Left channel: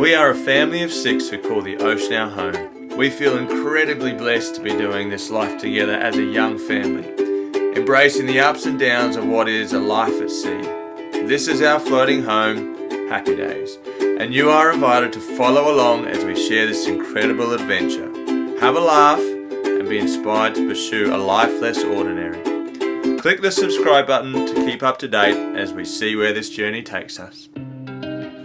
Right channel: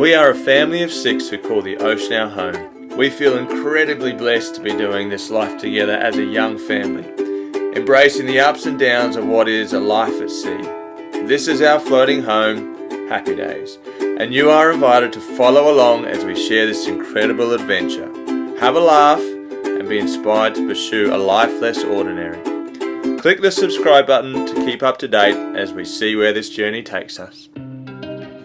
We are a family of 6 who call the ocean our home. We feel incredibly blessed to be doing this life together as a young family, embracing the ups and downs of what is a life at sea. This is our floating home, Happy Days, and you are invited to follow along as we share this incredible adventure. Have a laugh and be inspired to pursue a life less ordinary. Click the subscribe button to keep up to date as we see where this journey takes us.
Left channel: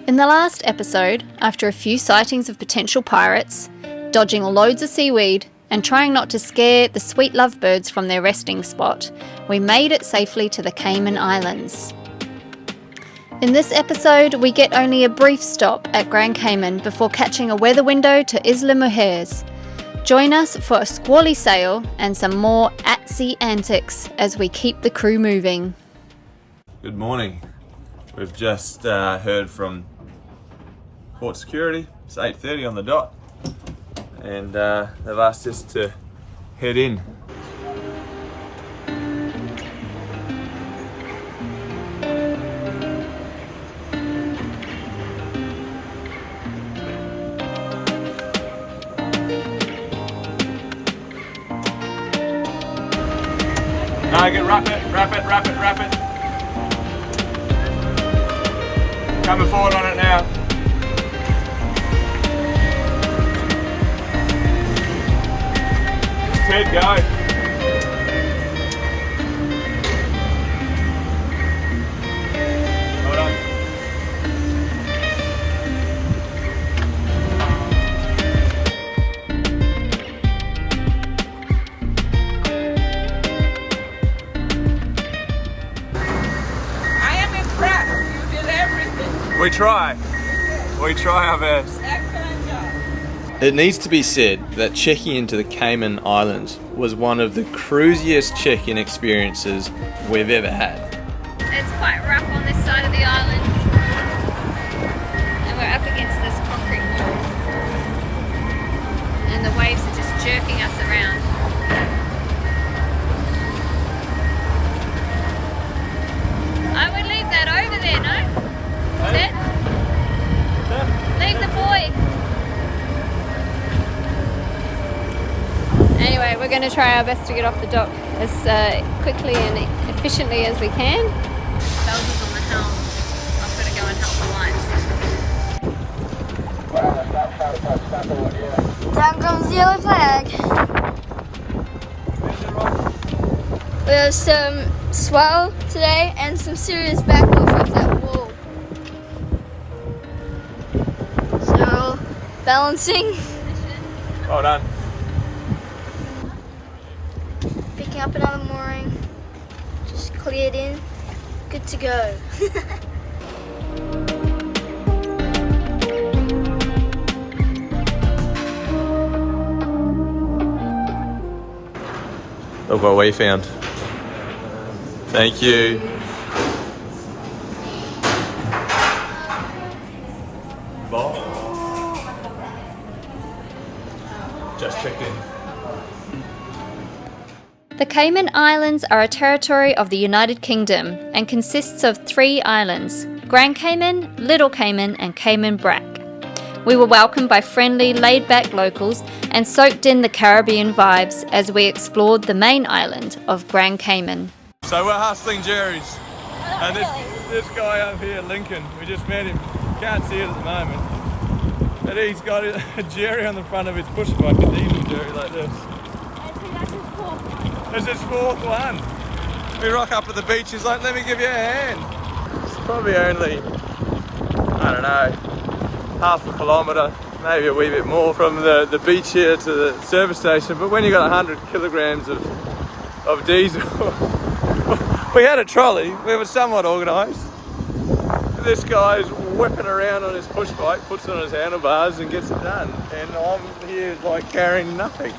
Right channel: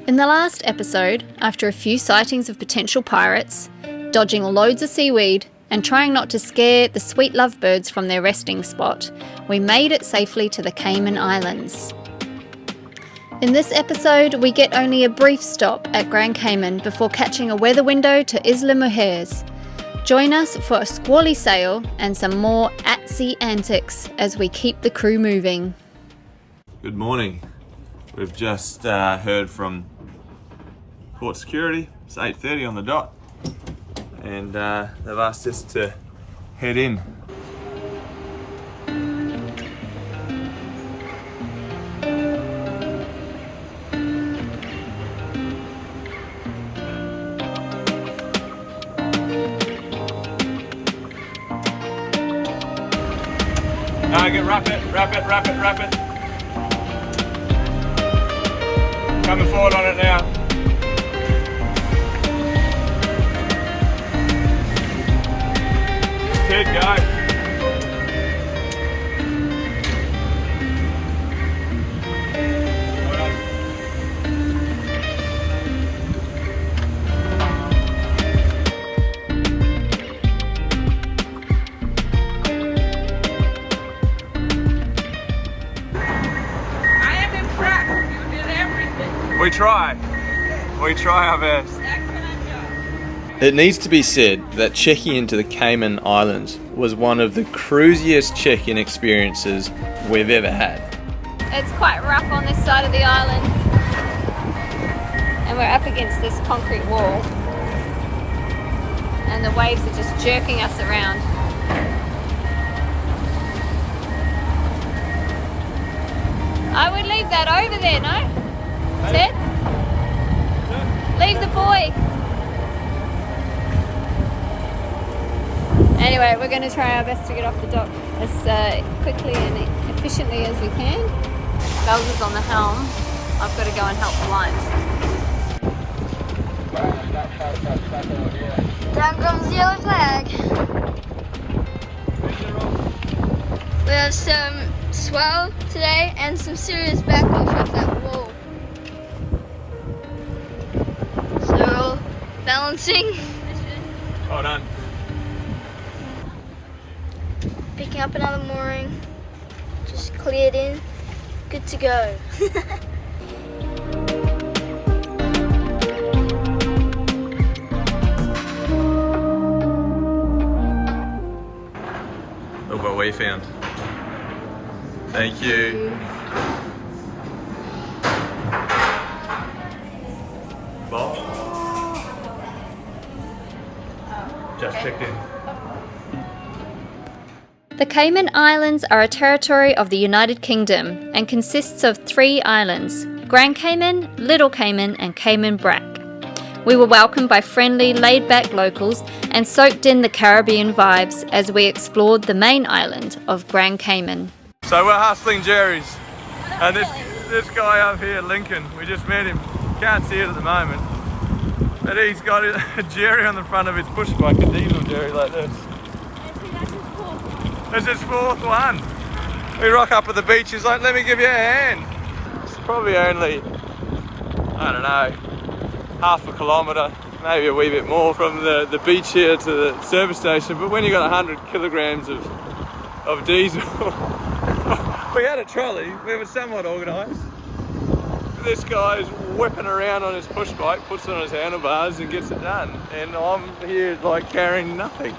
In the last episode, after a few sightings of potential pirates, dodging loads of seaweed, and trying not to scare the sweet lovebirds from their resting spot, we made it safely to the Cayman Islands. In this episode, we get only a brief stop at Grand Cayman before catching a weather window to Isla Mujeres. Join us for a squally sail and some more at-sea antics as we keep the crew moving. Good morning. We've just heard from Port Security. It's 8:30 on the dot, and they've asked us to head in. Wrap it. Coming forward on it now. Keep going. Hold on. We try our best. It needs to be said that checking into the Cayman Islands was one of the cruisiest check-in experiences we've ever had. It's quite rough on this side of the island, and we're up against this concrete wall, and the waves are just jerking us around. I would leave that over there, no? Is it? Leave the buoy. Anyway, we're going to try our best to get off the dock as quickly and efficiently as we can. Bells is on the helm. I've got to go and help the lines. Down comes the yellow flag. We have some swell today and some serious backlash off that wall. So we're all balancing. Well done. Picking up another mooring. Just cleared in. Good to go. Look what we found. Thank you. Just checked in. The Cayman Islands are a territory of the United Kingdom and consists of 3 islands: Grand Cayman, Little Cayman and Cayman Brac. We were welcomed by friendly, laid-back locals and soaked in the Caribbean vibes as we explored the main island of Grand Cayman. So we're hustling Jerry's, and this guy up here, Lincoln, we just met him. Can't see it at the moment, but he's got a Jerry on the front of his push bike, a diesel Jerry like this. This is 4th one. We rock up at the beach, he's like, let me give you a hand. It's probably only, I don't know, half a kilometre, maybe a wee bit more from the beach here to the service station, but when you got 100 kilograms of diesel, we had a trolley, we were somewhat organised. This guy's whipping around on his push bike, puts it on his handlebars and gets it done, and I'm here like carrying nothing.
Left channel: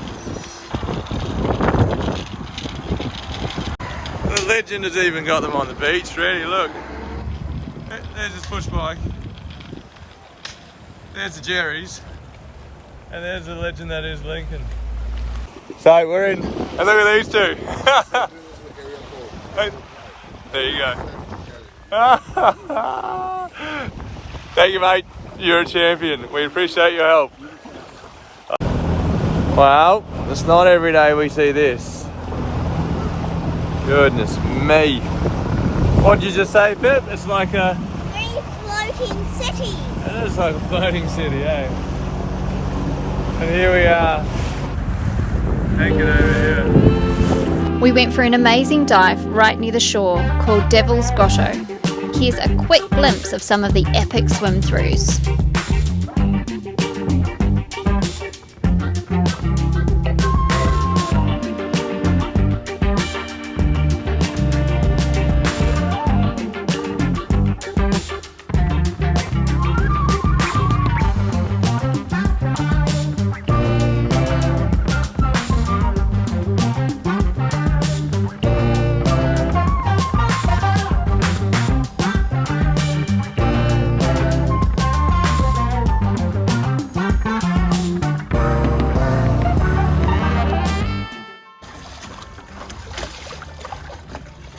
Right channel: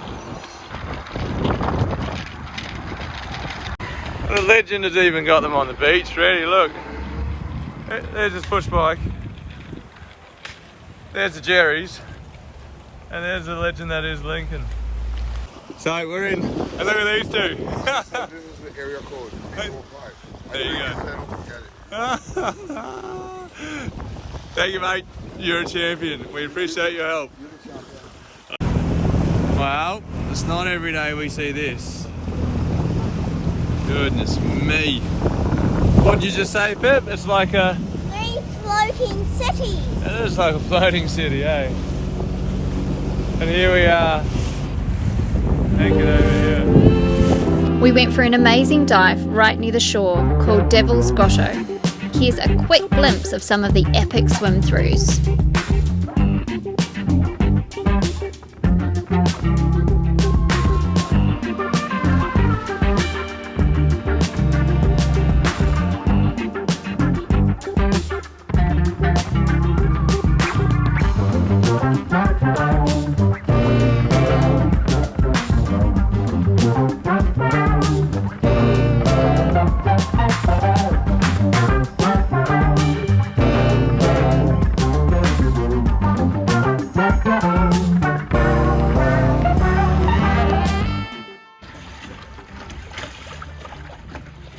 The legend has even got them on the beach ready, look. There's his push bike. There's the Jerry's. And there's the legend that is Lincoln. So we're in, and look at these two. There you go. Thank you, mate. You're a champion. We appreciate your help. Well, it's not every day we see this. Goodness me. What'd you just say, Pip? It's like a... 3 floating cities. It is like a floating city, eh? And here we are, anchored over here. We went for an amazing dive right near the shore called Devil's Grotto. Here's a quick glimpse of some of the epic swim-throughs.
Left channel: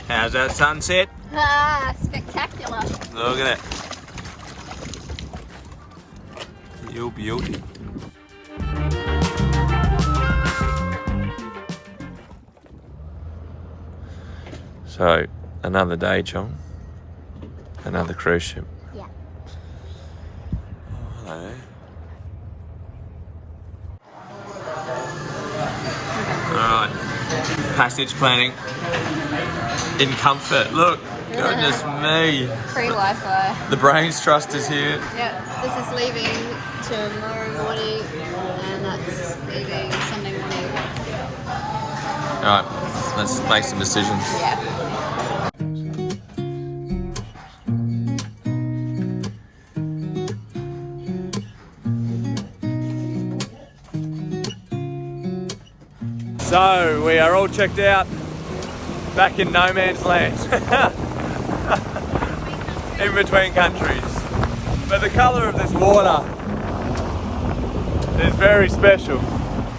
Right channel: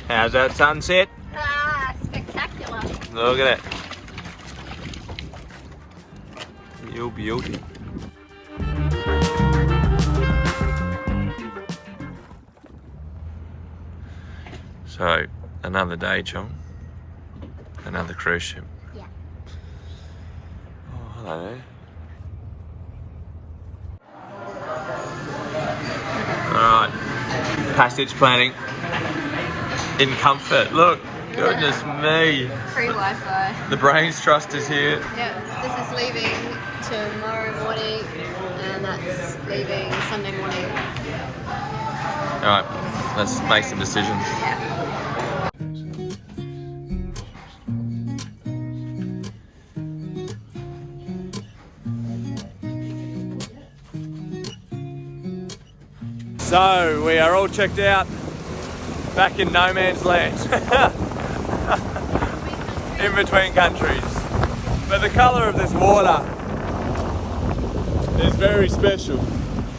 How's that sunset? Spectacular. Look at it. Real beauty. So, another day, John. Another cruise ship. Yeah. Oh, hello there. Right. Passage planning. In comfort. Look, goodness me. Free Wi-Fi. The Brains Trust is here. Yeah, this is leaving tomorrow morning, and that's leaving Sunday morning. Alright, let's make some decisions. Yeah. So, we are all checked out. Back in no man's land. In between countries. But the colour of this water is very special.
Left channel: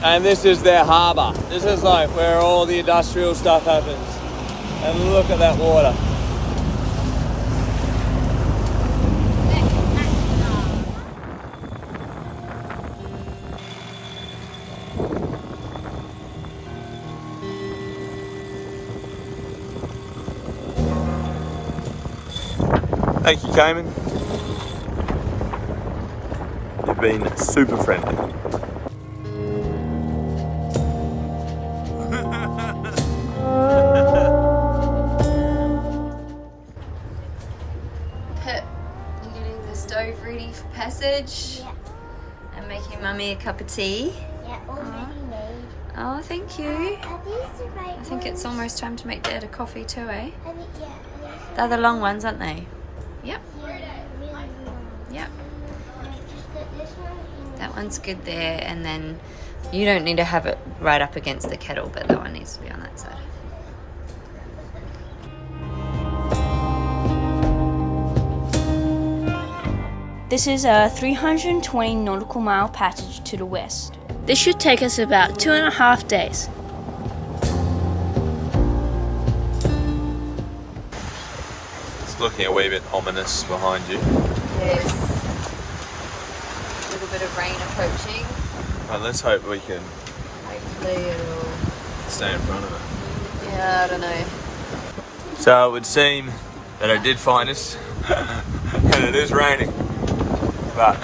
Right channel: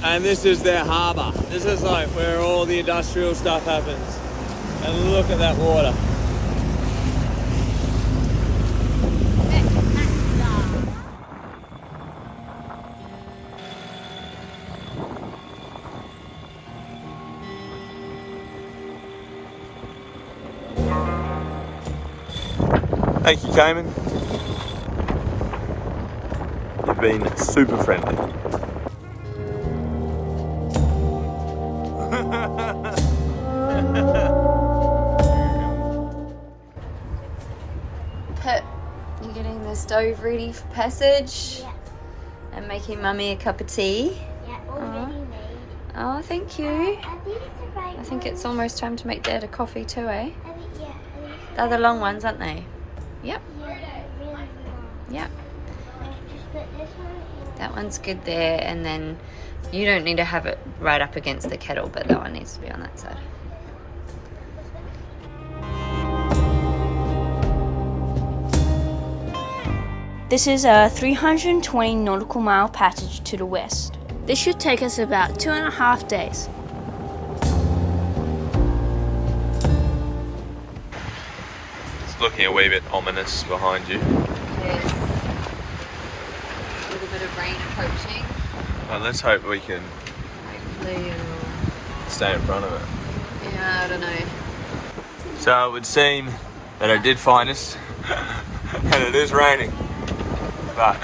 And this is their harbour. This is like where all the industrial stuff happens. And look at that water. Thank you, Cayman. You've been super friendly. Pip, you getting the stove ready for passage? Yeah. And making Mummy a cup of tea? Yeah, already made. Oh, thank you. Are these the right I think it's almost time to make Dad a coffee too, eh? Yeah, They're the long ones, aren't they? Yep, really long. yep. Just put this one in. That one's good there, and then you don't need to have it right up against the kettle, but that one needs to be on that side. This is a 320 nautical mile passage to the west. This should take us about 2.5 days. It's looking a wee bit ominous behind you. There's a little bit of rain approaching. Well, let's hope we can Hopefully it'll... stay in front of it. Yeah, I don't know. So it would seem that it did find us, and it is raining, but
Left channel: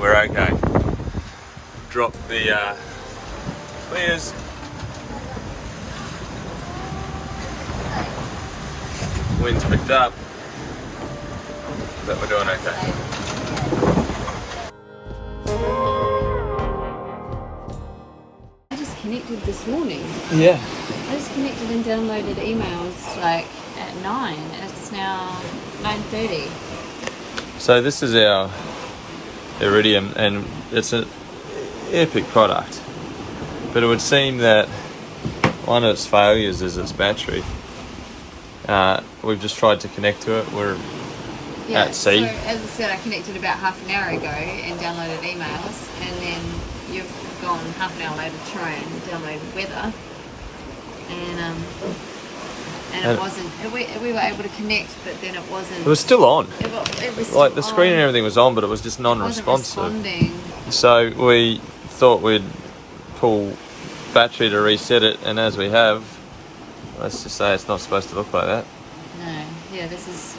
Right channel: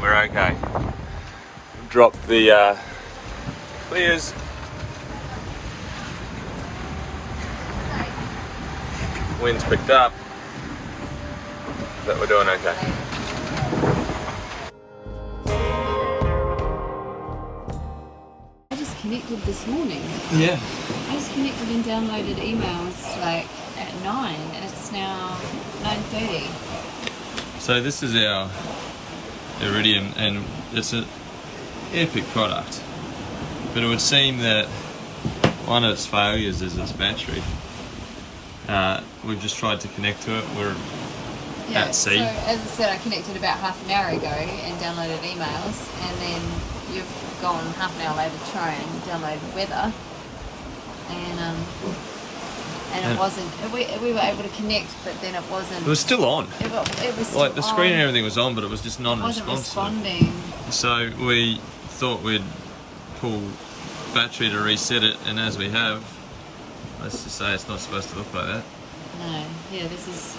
we're okay. Drop the clears. Wind's picked up, but we're doing okay. I just connected this morning. Yeah. I just connected and downloaded emails like at 9. It's now 9:30. So this is our Iridium, and it's an epic product. But it would seem that one of its failures is its battery. We've just tried to connect to it. We're at sea. So as I said, I connected about half an hour ago and downloaded emails, and then you've gone half an hour later to try and download weather. And And it wasn't. We were able to connect, but then it wasn't. It was still on. It was still Like the screen on. and everything was on, but it was just It wasn't non-responsive. responding. So we thought we'd pull battery to reset it, and as we have, let's just say it's not supposed to look like that. No, yeah, this is,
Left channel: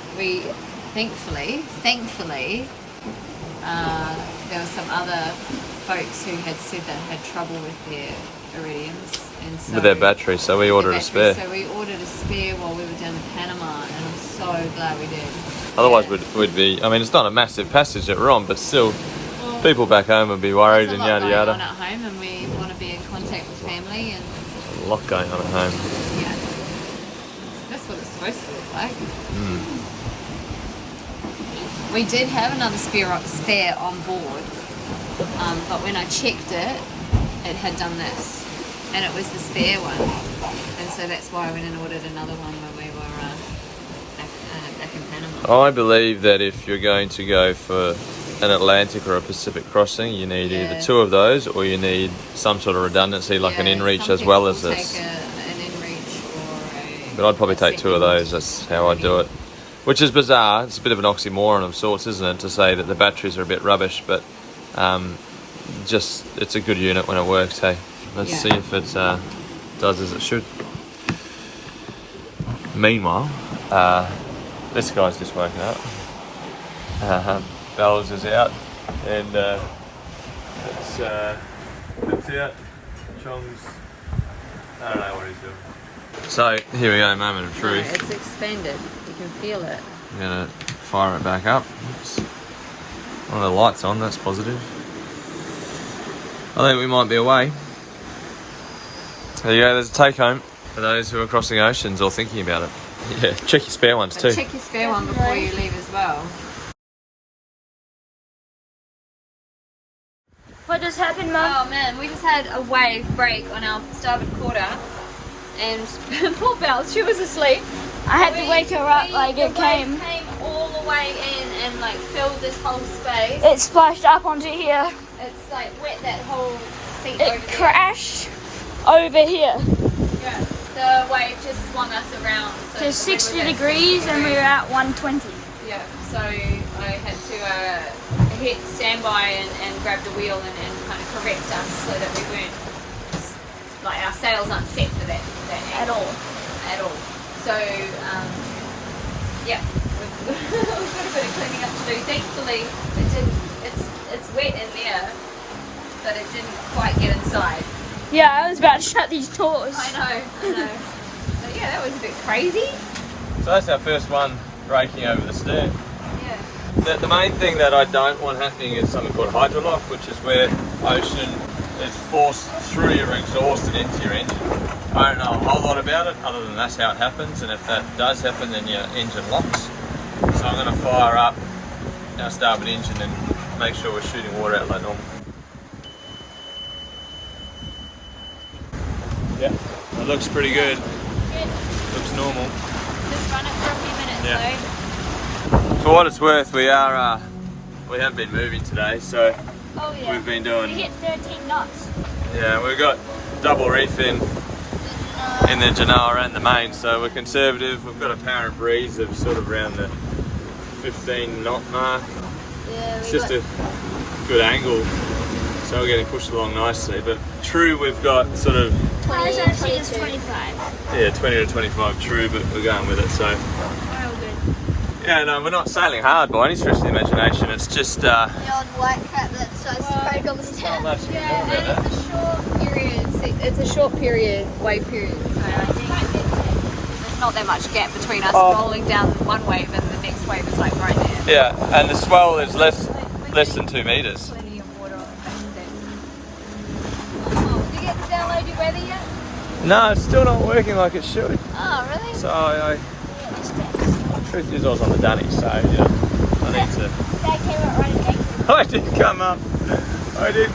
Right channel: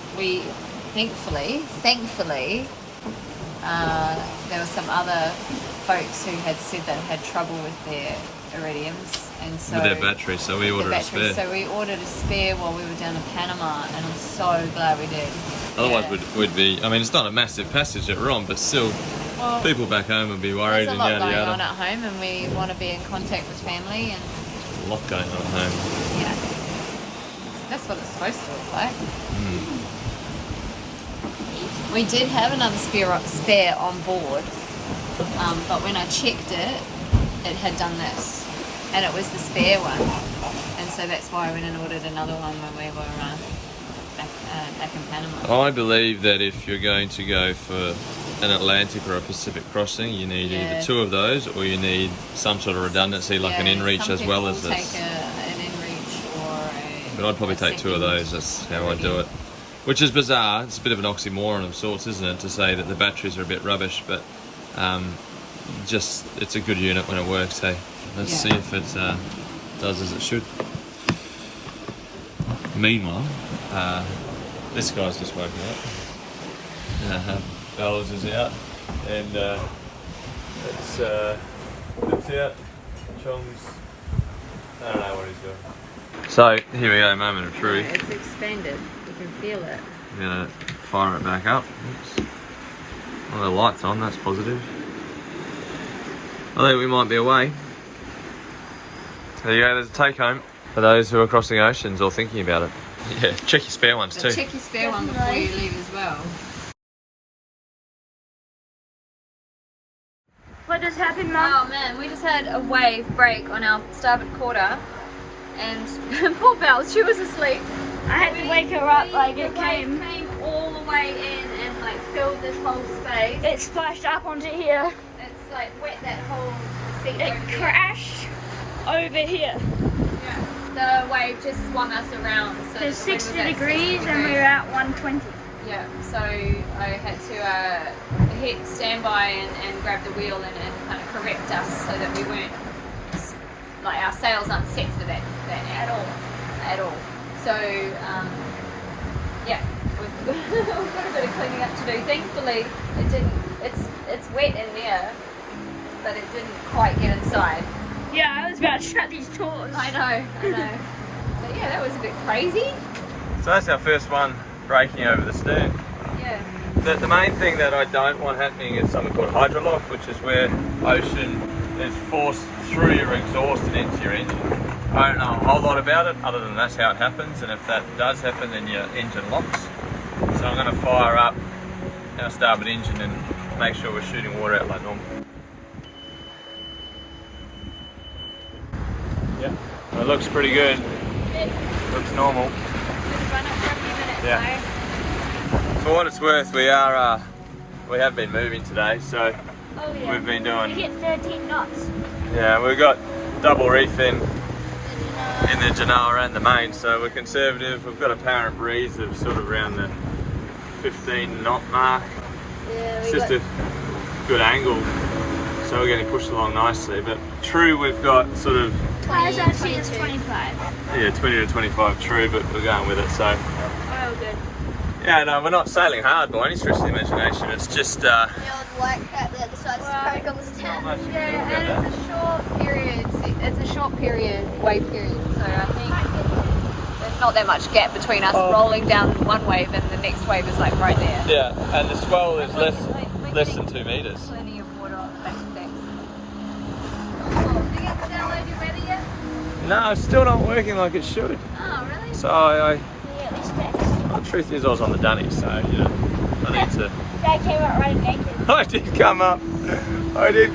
thankfully, there were some other folks who had said they had trouble with their Iridiums. And so With their battery, so we ordered a spare. So we ordered a spare while we were down in Panama, and I'm so glad we did. Otherwise, Yeah. we'd be, I mean, it's not a massive passage that we're on, but still, people back home would be worried There's and a lot yada going yada. on at home, and we want to be in contact with family, and A lot going on at home. yeah, that's what it's supposed to look like. We did have another spare on board, but when I checked it, it had done this, and it was the spare one, and so that's why I went and ordered another one when we were back in Panama. I believe that if you're going to go for an Atlantic or a Pacific crossing, you need either two of those, or you need some sort of redundancy, like an inReach some as well as people this. take an inReach or a. But I'd probably a take two of second those. That's how I do it. Which is bizarre. It's a bit of an oxymoron of sorts, isn't it, to say that the batteries are a bit rubbish, but just it's a good unit when it works. Hey, let's see if it does as it should. Meanwhile, this guy's just woken up. Bells is out, and it's out. Chong's, I don't know what he's doing. So here we go, moment of truth. It's expanded. You can feel it. I'm gonna fire it back up. Oops. Oh, the light's on, that's positive. I think we might be away. There you go, there's a take home for those who are crossing oceans or thinking about it. Yeah, check your spare ones too. Check your spare one before you leave as well. What just happened, Mum? Oh man, we just had a wave break on our starboard quarter, and poor Belle, she was asleep. I had to wake her up like it the came. wave came all the way in and like filled this whole space. It splashed up onto here. It's like wet that whole seat It over there. crashed over here. Yeah. The wave just swung us around. So To that we 60 were at degrees and we were at 120. Yeah, so I had to hit standby and grab the wheel and kind of correct us so that we weren't, like our sails aren't set for that angle at all. So, yeah, we've got a bit of cleaning up to do. Thankfully, it's wet in there, but it didn't quite get inside. Yeah, I was about to shut these doors. I know. But yeah, that was a bit crazy. So that's our first one breaking over the stern. Yeah. The main thing that I don't want happening is something called hydrolock, which is where ocean is forced through your exhaust and into your engine. I don't know a whole lot about it, other than that's how it happens, and if that does happen, then your engine locks. So I'm going to fire up our starboard engine and make sure we're shooting water out like normal. Yeah, it looks pretty good. Looks normal. Just run it for a few minutes, Yeah. though. For what it's worth, we have been moving today, so we've been doing. We hit 13 knots. Yeah, we've got double reef in the Genoa and the main, so we're conservative. We've got a apparent breeze of sort of around the 15 knot mark. Yeah, It's just a good angle, so we're getting pushed along nicely. But true, we've got sort of 20 to 25. 20 to 25 true, but we're going with it. So Oh, good. yeah, no, we're not sailing hard by any stretch of the imagination. It's just The old white cat that decides to break on the stand. Yeah, and it's a short period. It's a short period, wave period. So I think there's not that much gap between us rolling down one wave and the next wave is like right there. yeah, and the swell is less than 2 meters. Plenty of water on that thing. Oh, did you get to download your weather yet? No, it's still not working like it should. Oh, really? So the truth is I was on the dunny, so yeah, I need to. That came out right again. I did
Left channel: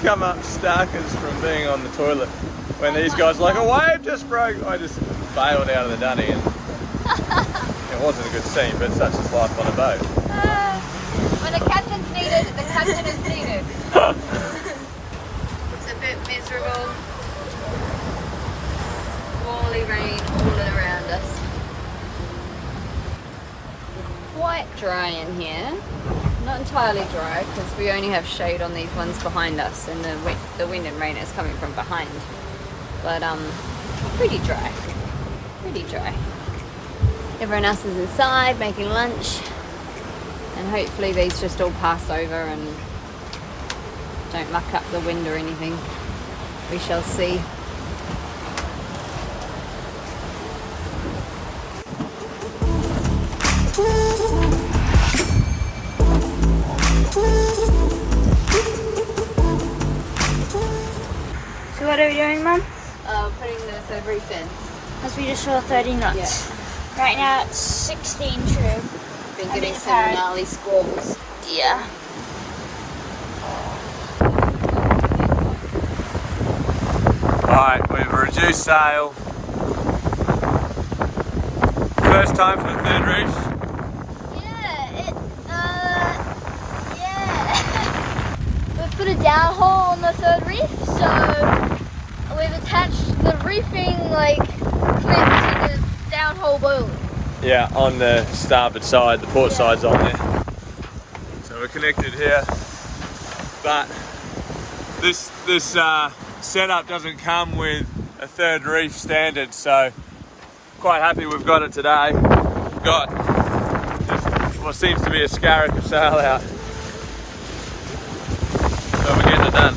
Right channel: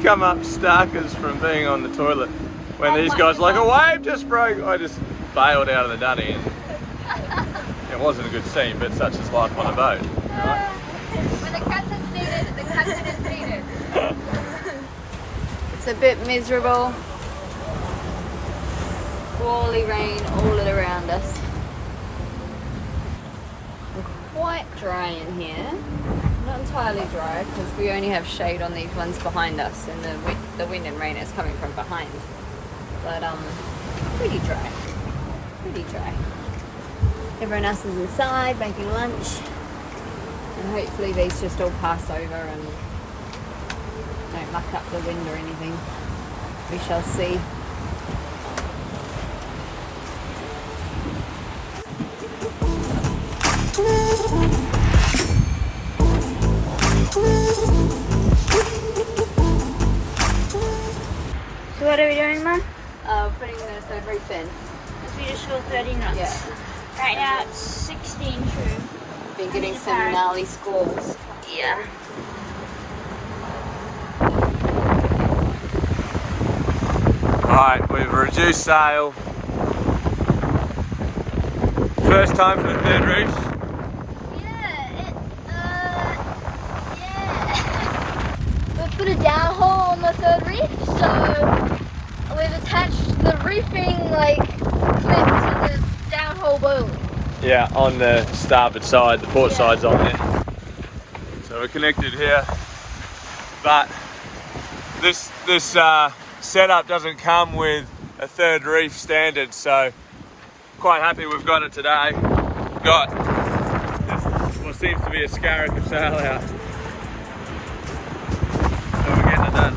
come up starkers from being on the toilet when these guys were like, a wave just broke. I just bailed out of the dunny, and it wasn't a good scene, but such is life on a boat. When the captain's needed, the captain is needed. It's a bit miserable. Squally rain all around us. quite dry in here. Not entirely dry because we only have shade on these ones behind us, and the wind and rain is coming from behind. But pretty dry. Pretty dry. Everyone else is inside making lunch, and hopefully these just all pass over and don't muck up the wind or anything. We shall see. So what are we doing, Mum? Putting the third reef in. Because we just shot 30 knots. Yeah. Right now it's 16 true. Been I getting need some parrot. gnarly squalls. Yeah. Alright, we've reduced sail. First time for the third reef. We put a downhole on the third reef, so we've attached the reefing clip to the downhole boom. Yeah, on the starboard side, the port side's on there. So we're connected here, but this setup doesn't come with a third reef standard, so quite happy we've got it today. We've got what seems to be a scarab of sail out. So we're getting it done.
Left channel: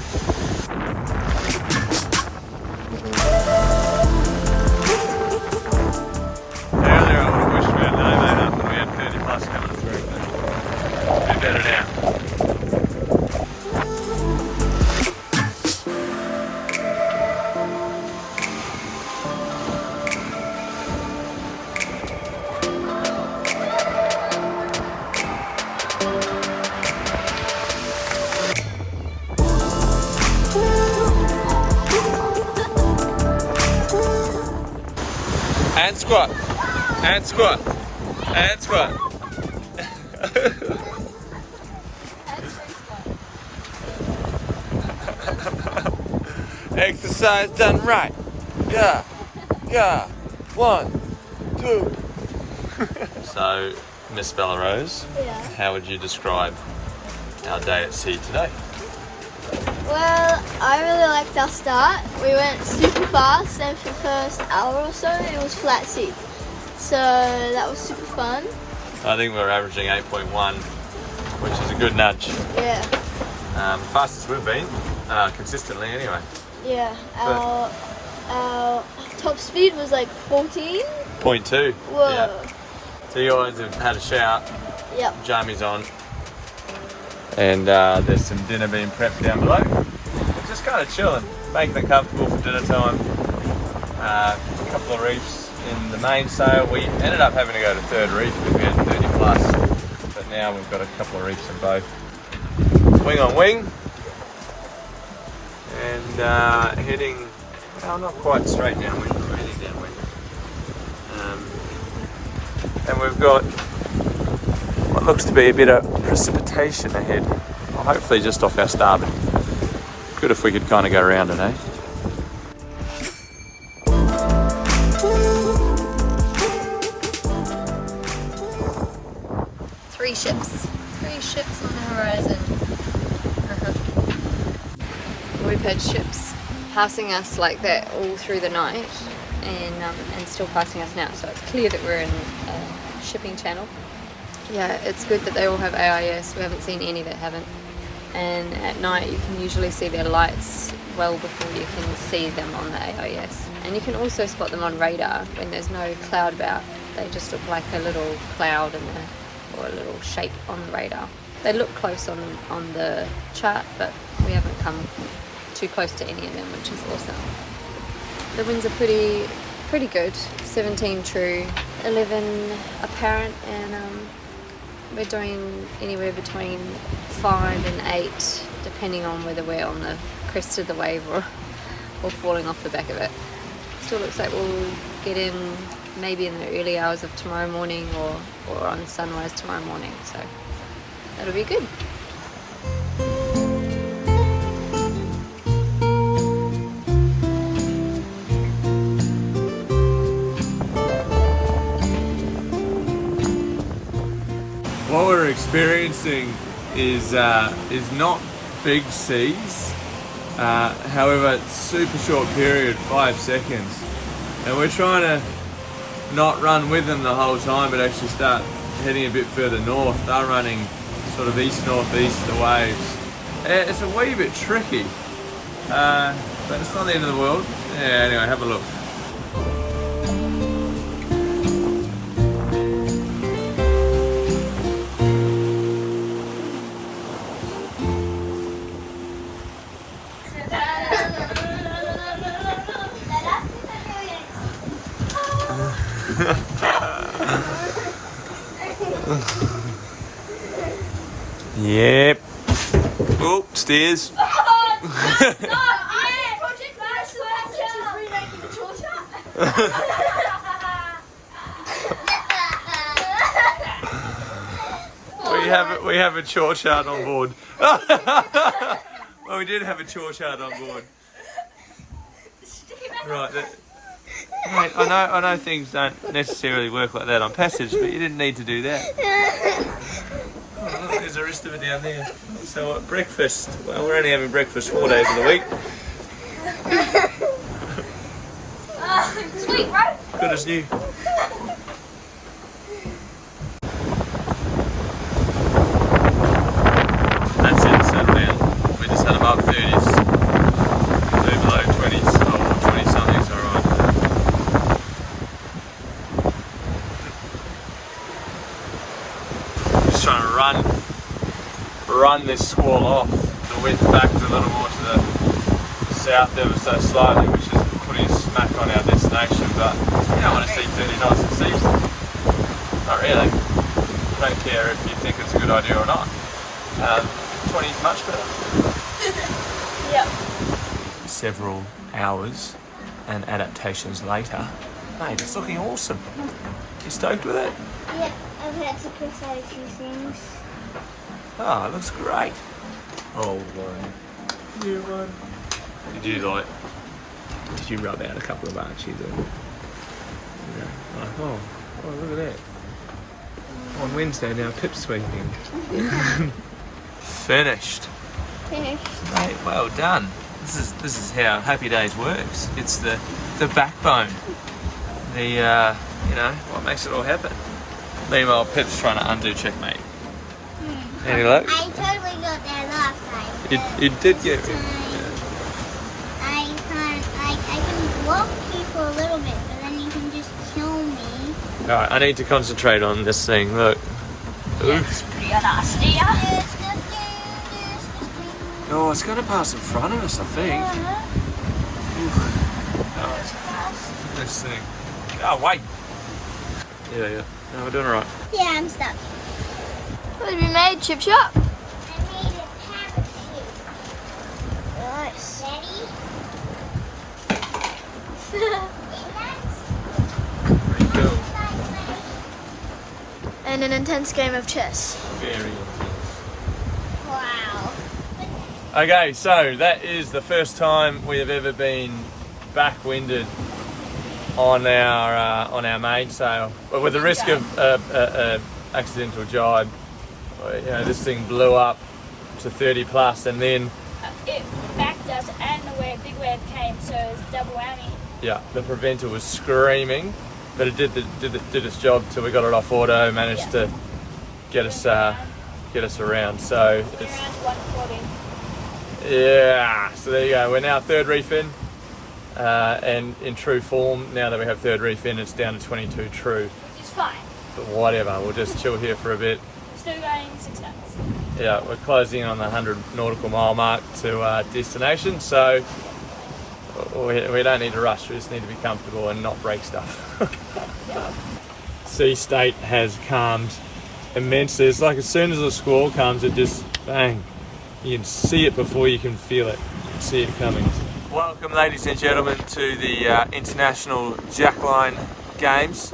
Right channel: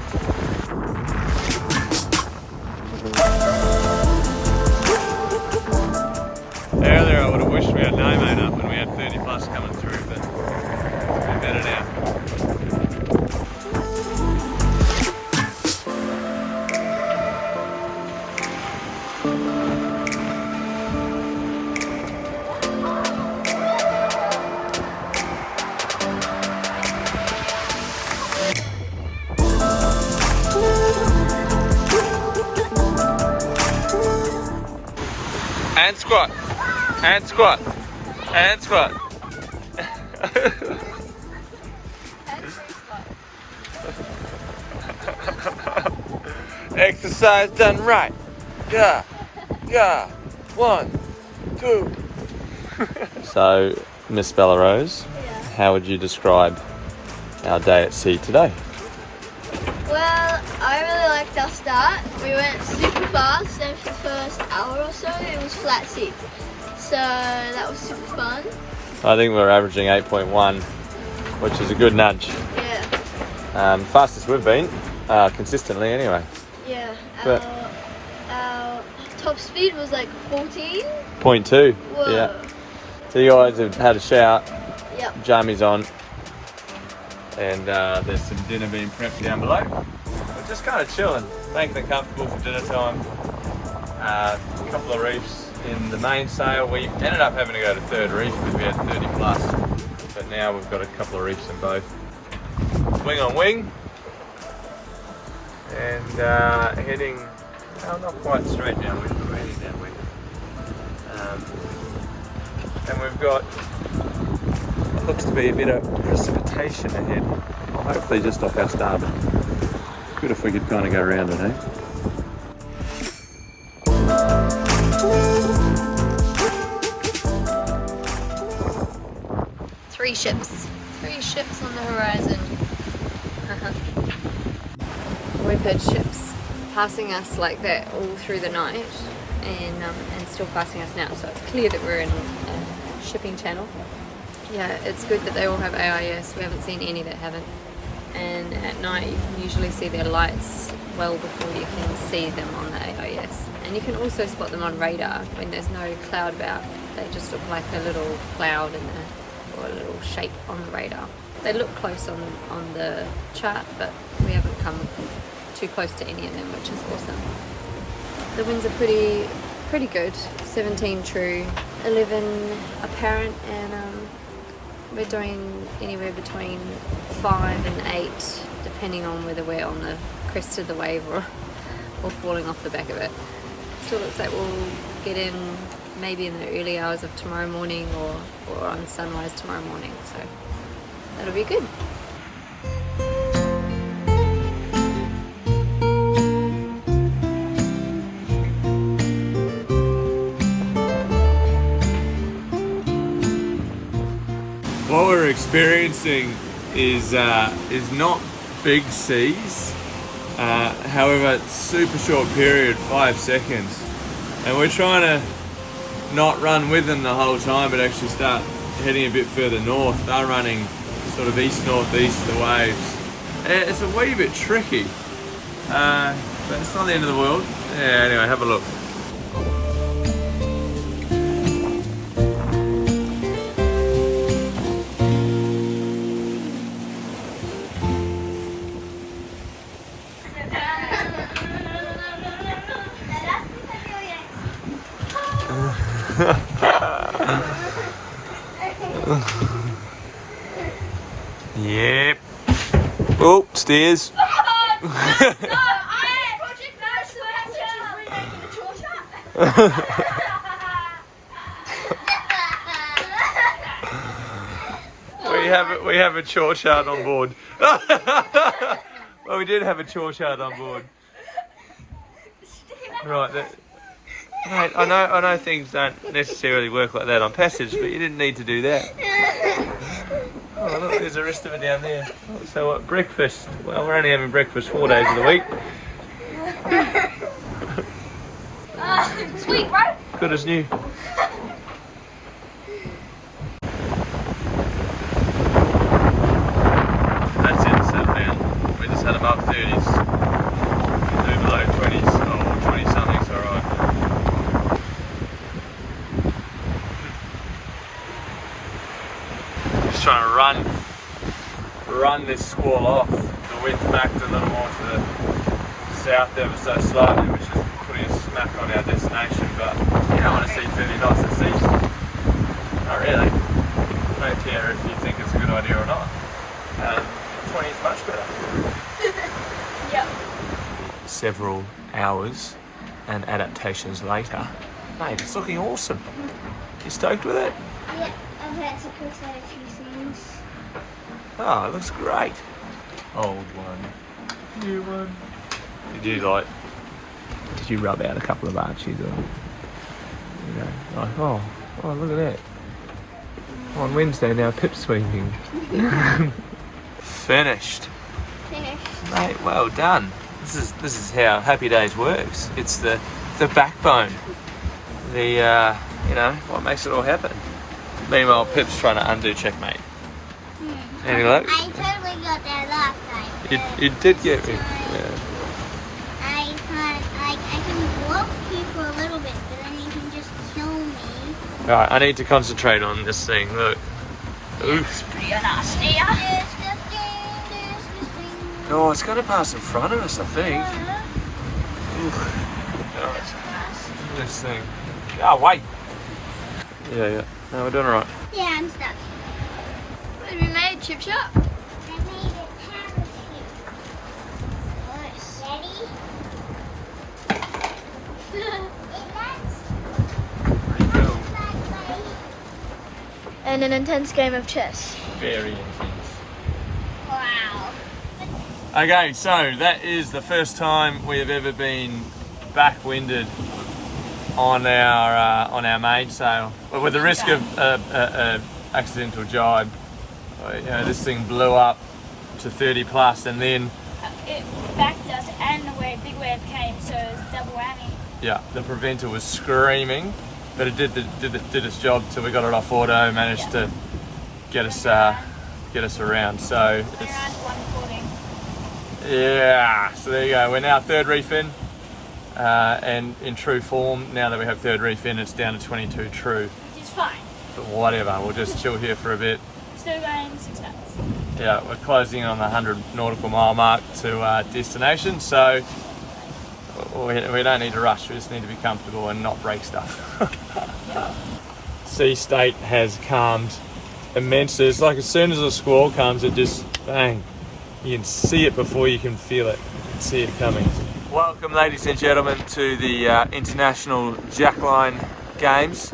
Earlier I would have wished we had no mate up and we had 30 plus coming through, but we're better now. And squat, and squat, and squat. Exercise done right. Yeah, yeah. 1, 2. So, Miss Bellarose, how would you describe our day at sea today? Well, I really liked our start. We went super fast, and for the first hour or so, it was flat sea. So that was super fun. I think we're averaging 8.1, which is a good nudge. Yeah. Fastest we've been, consistently anyway. Yeah. Our top speed was 14. 0.2. Whoa. Yeah. So you guys have had a shout. Yep. Jammies on, and there's some dinner being prepped down below. We're just kind of chilling, making it comfortable for dinner time. A couple of reefs in the mainsail. We ended up having to go to third reef because we had 30 plus, but now we've got a couple of reefs in both. Wing on wing, and heading, well, not quite straight downwind, but we're heading downwind. And we've got what looks to be a bit of precipitation ahead. Hopefully just off our starboard. Good if we could kind of go around it, eh? Three ships on the horizon. We've had ships passing us like that all through the night, and still passing us now, so it's clear that we're in a shipping channel. Yeah, it's good that they all have AIS. We haven't seen any that haven't, and at night you can usually see their lights well before you can see them on the AIS, and you can also spot them on radar when there's no cloud about. They just look like a little cloud or a little shape on the radar. They look close on the chart, but we haven't come too close to any of them, which is awesome. The winds are pretty good. 17 true, 11 apparent, and we're doing anywhere between 5 and 8, depending on whether we're on the crest of the wave or falling off the back of it. Still looks like we'll get in maybe in the early hours of tomorrow morning or on sunrise tomorrow morning, so that'll be good. experiencing is not big seas. However, it's super short period, 5 seconds, and we're trying to not run with them the whole time, but actually start heading a bit further north. They're running sort of east-northeast, the waves. It's a wee bit tricky, but it's not the end of the world. Yeah, anyway, have a look. Yep. Oh, stairs. We have a chore chart on board. Well, we did have a chore chart on board. Right. Mate, I know things don't necessarily work like that on passage, but you didn't need to do that. Oh, look, there's the rest of it down there. So what, breakfast? Well, we're only having breakfast 4 days of the week. Sweet, right? Good as new. That's it, settle down. We just had above 30s. Do below 20s, or 20 something's alright. Just trying to run this squall off. The wind's backed a little more to the south ever so slightly, which is putting a smack on our destination, but you don't want to see 30 knots at sea. Not really. Don't care if you think it's a good idea or not. 20 is much better. Yep. Several hours and adaptations later, mate, it's looking awesome. You stoked with it? Yeah, I've had to cross out a few things. Oh, it looks great. Old one. New one. Did you rub out a couple of arches? You know, like, oh, look at that. On Wednesday now, pip sweeping. Finished. Mate, well done. This is how Happy Days works. It's the backbone. The what makes it all happen. Meanwhile, Pip's trying to undo checkmate. Any luck? I totally got there last night. It did get me. Yeah. I can block you for a little bit, but then you can just kill me. Alright, I need to concentrate on this thing. Look. Oops. You're nasty. Oh, it's going to pass in front of us, I think. Right. This thing. Oh, wait. Yeah. No, we're doing alright. Yeah, I'm stuck. What have you made, Chip Shop? I made a parachute. Nice. Ready? Pretty cool. And an intense game of chess. Very intense. Wow. Okay, so that is the first time we have ever been backwinded on our mainsail, but with the risk of accidental jibe. You know, this thing blew up to 30 plus, and then It backed us, and the big wave came, so it was double whammy. yeah, the preventer was screaming, but it did its job till we got it off auto, managed to get us around. So it's, Now it's 140. yeah, so there you go. We're now third reef in, and in true form, now that we have third reef in, it's down to 22 true. It's fine. But whatever, we'll just chill here for a bit. Still going 6 knots. Yeah, we're closing in on the 100 nautical mile mark to destination, so we don't need to rush. We just need to be comfortable and not break stuff. Sea state has calmed immensely. It's like as soon as the squall comes, it just bang. You can see it before you can feel it. You can see it coming. Welcome, ladies and gentlemen, to the International Jackline Games.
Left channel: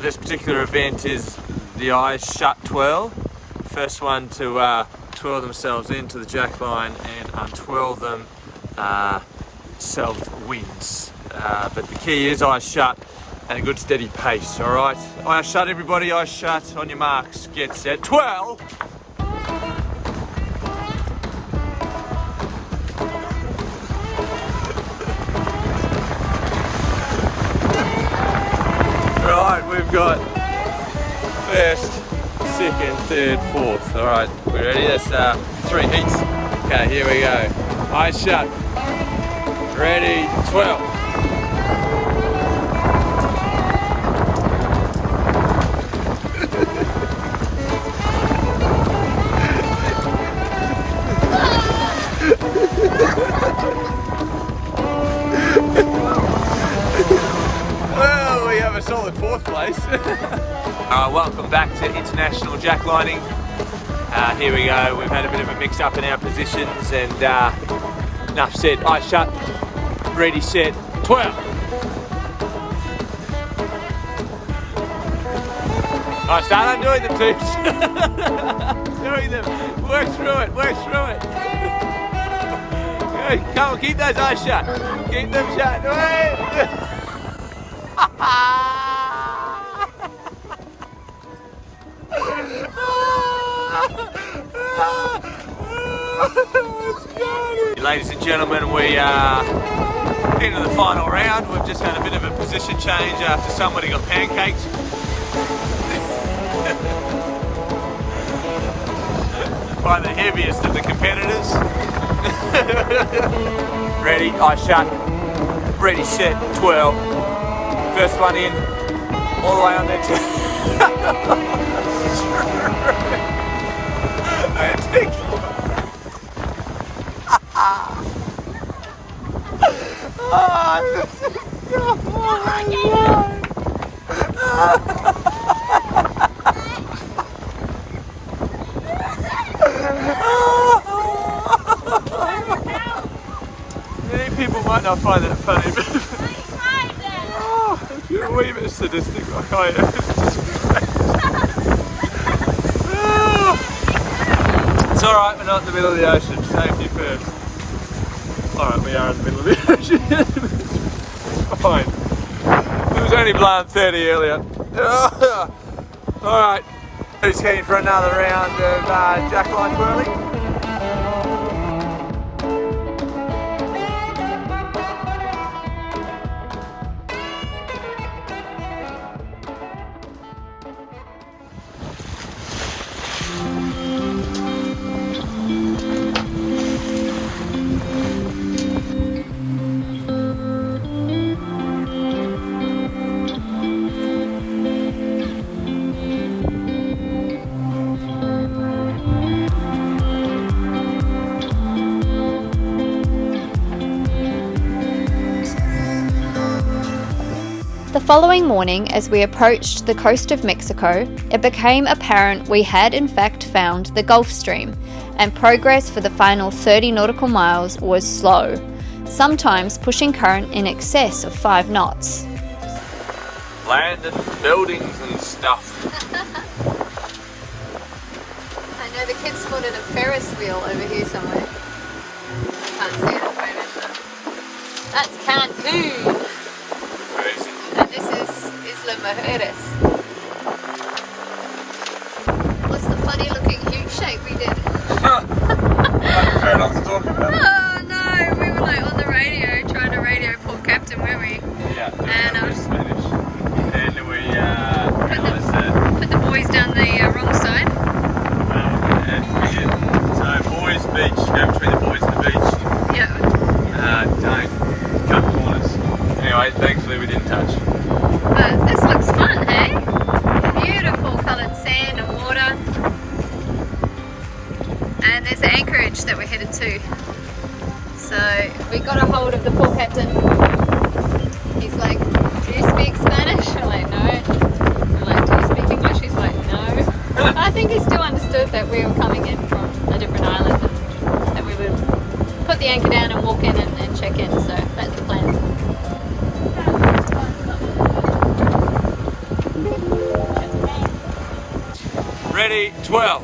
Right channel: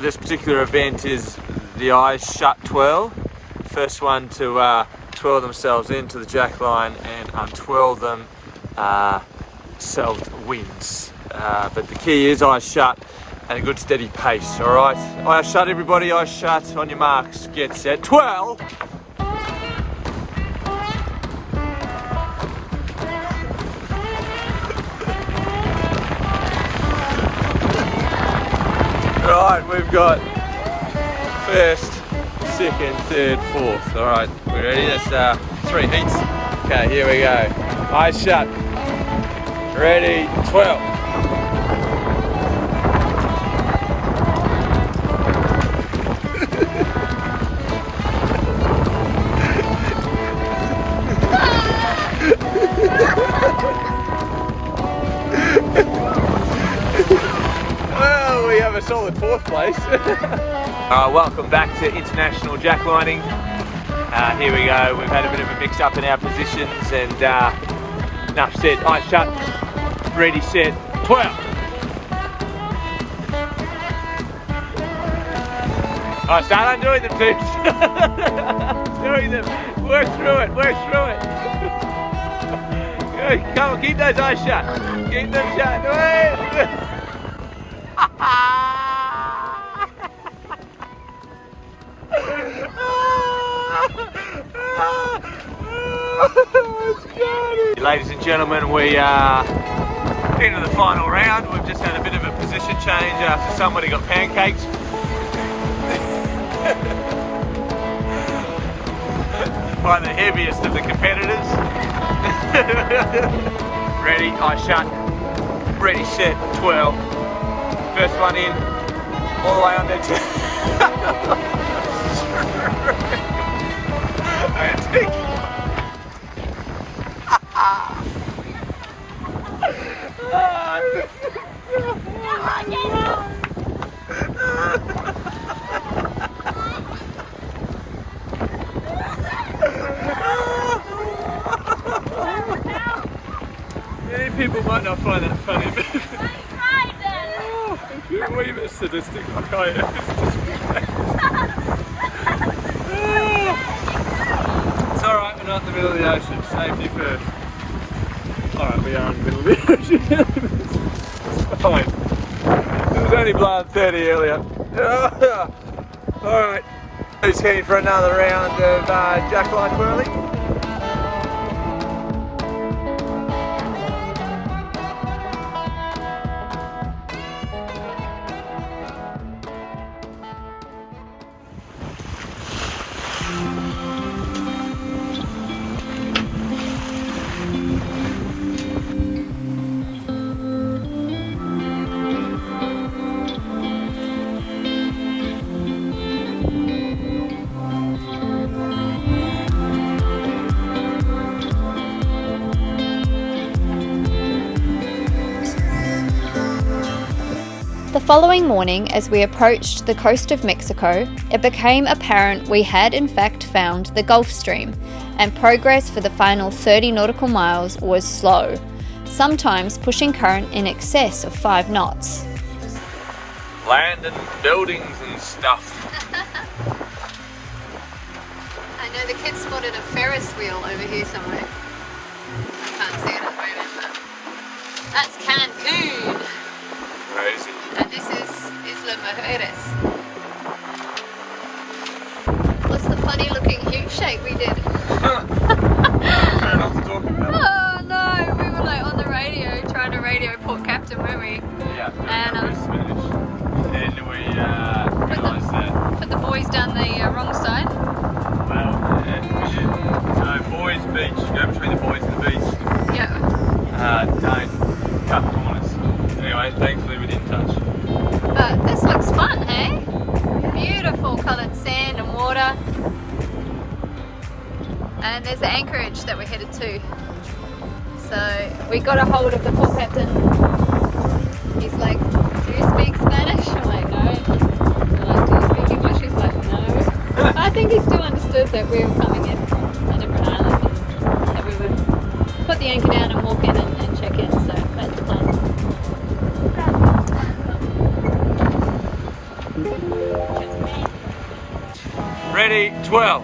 This particular event is the Eyes Shut Twirl. First one to twirl themselves into the jackline and untwirl themselves wins. But the key is eyes shut, and a good steady pace, all right? Eyes shut, everybody, eyes shut. On your marks, get set, twirl. Right, we've got first, second, third, fourth. All right, we ready? That's 3 heats. Okay, here we go. Eyes shut. Ready, 12. Well, we have a solid 4th place. Welcome back to international jacklining. Here we go. We've had a bit of a mix up in our positions, and enough said. Eyes shut. Ready, set, 12. I start undoing them, teams. Doing them. Work through it. Work through it. Come on, keep those eyes shut. Keep them shut. Ladies and gentlemen, we are into the final round. We've just had a bit of a position change after somebody got pancaked. By the heaviest of the competitors. Ready, eyes shut. Ready, set, 12. First one in, all the way on next. Many people might not find that funny, but if you're a wee bit sadistic like I am. It's alright, we're not in the middle of the ocean. Safety first. Alright, we are in the middle of the ocean. It's fine. It was only blowing 30 earlier. Alright, who's heading for another round of jackline twirling? The following morning, as we approached the coast of Mexico, it became apparent we had in fact found the Gulf Stream, and progress for the final 30 nautical miles was slow, sometimes pushing current in excess of 5 knots. Land and buildings and stuff. I know the kids spotted a Ferris wheel over here somewhere. I can't see that very well. That's Cancun. Crazy. And this is Isla Mujeres. What's the funny looking huge shape we did? Fair enough to talk about. Oh no, we were like on the radio trying to radio Port Captain, weren't we? Yeah, And it was Spanish. And we realised that. Put the boys down the wrong side. Well, yeah, we did. So boys beach, go between the boys and the beach. Yeah. Don't cut corners. Anyway, thankfully we didn't touch. But this looks fun, hey? Beautiful coloured sand and water. And there's the anchorage that we're headed to. So we got a hold of the Port Captain. He's like, do you speak Spanish? I'm like, no. We're like, do you speak English? He's like, no. I think he still understood that we were coming in from a different island and that we would put the anchor down and walk in and check in. So that's the plan. Ready, 12.